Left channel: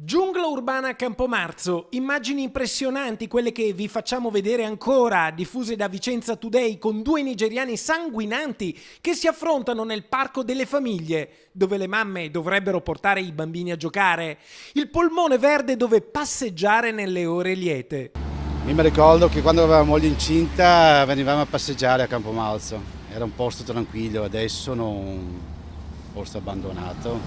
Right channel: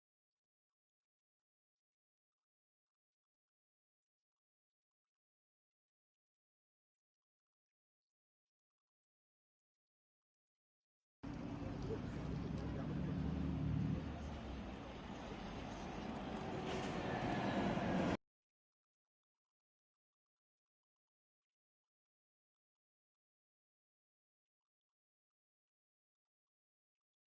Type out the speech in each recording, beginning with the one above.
Giungla urbana a Campomarzo, immagini impressionanti quelle che vi facciamo vedere ancora, diffuse da Vicenza Today con due nigeriani sanguinanti che si affrontano nel parco delle famiglie, dove le mamme dovrebbero portare i bambini a giocare, il polmone verde dove passeggiare nelle ore liete. Io mi ricordo che quando avevamo moglie incinta venivamo a passeggiare a Campomarzo, era un posto tranquillo, adesso un posto abbandonato.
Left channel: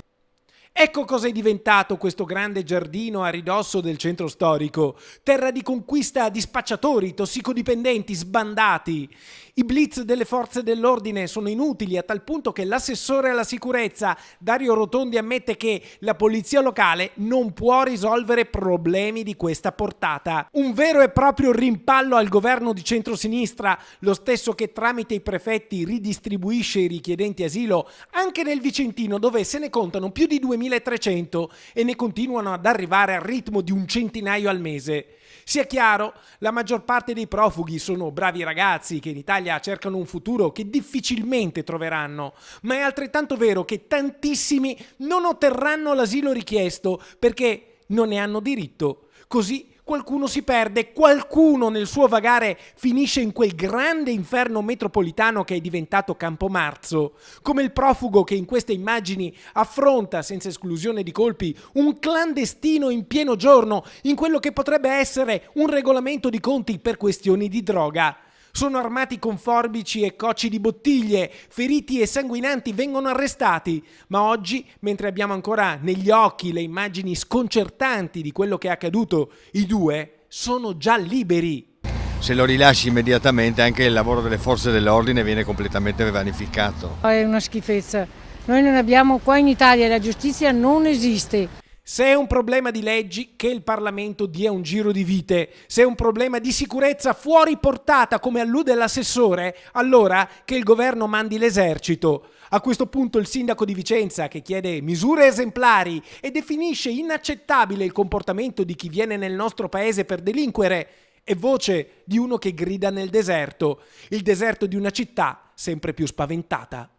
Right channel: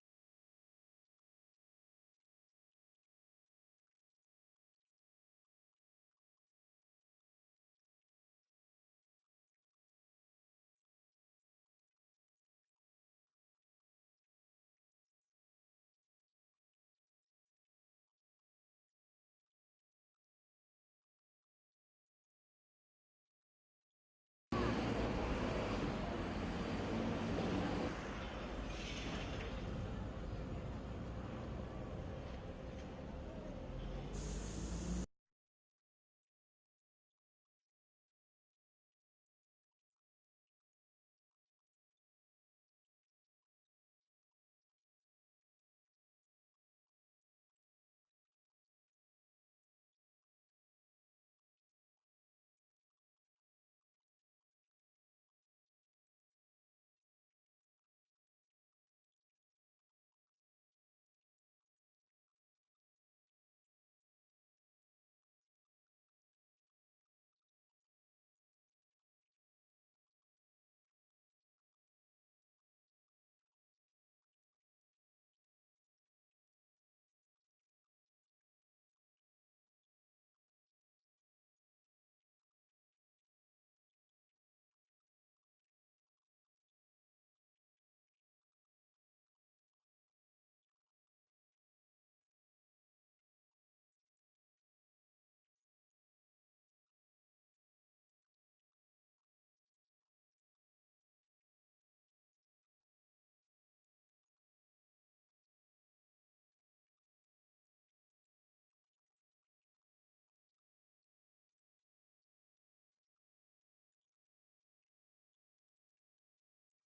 Ecco cosa è diventato questo grande giardino a ridosso del centro storico, terra di conquista di spacciatori, tossicodipendenti, sbandati. I blitz delle forze dell'ordine sono inutili a tal punto che l'assessore alla sicurezza Dario Rotondi ammette che la polizia locale non può risolvere problemi di questa portata. Un vero e proprio rimpallo al governo di centrosinistra, lo stesso che tramite i prefetti ridistribuisce i richiedenti asilo anche nel Vicentino, dove se ne contano più di 2300 e ne continuano ad arrivare al ritmo di un centinaio al mese. Sia chiaro, la maggior parte dei profughi sono bravi ragazzi che in Italia cercano un futuro che difficilmente troveranno, ma è altrettanto vero che tantissimi non otterranno l'asilo richiesto perché non ne hanno diritto. Così qualcuno si perde, qualcuno nel suo vagare finisce in quel grande inferno metropolitano che è diventato Campomarzo, come il profugo che in queste immagini affronta senza esclusione di colpi un clandestino in pieno giorno in quello che potrebbe essere un regolamento di conti per questioni di droga. Sono armati con forbici e cocci di bottiglie, feriti e sanguinanti vengono arrestati, ma oggi, mentre abbiamo ancora negli occhi le immagini sconcertanti di quello che è accaduto, i due sono già liberi. Se lo rilasci immediatamente anche il lavoro delle forze dell'ordine viene completamente vanificato. È una schifezza. Noi non abbiamo, qua in Italia la giustizia non esiste. Se è un problema di leggi, che il Parlamento dia un giro di vite. Se è un problema di sicurezza fuori portata, come allude l'assessore, allora che il governo mandi l'esercito. A questo punto il sindaco di Vicenza, che chiede misure esemplari e definisce inaccettabile il comportamento di chi viene nel nostro paese per delinquere, è voce di uno che grida nel deserto, il deserto di una città sempre più spaventata.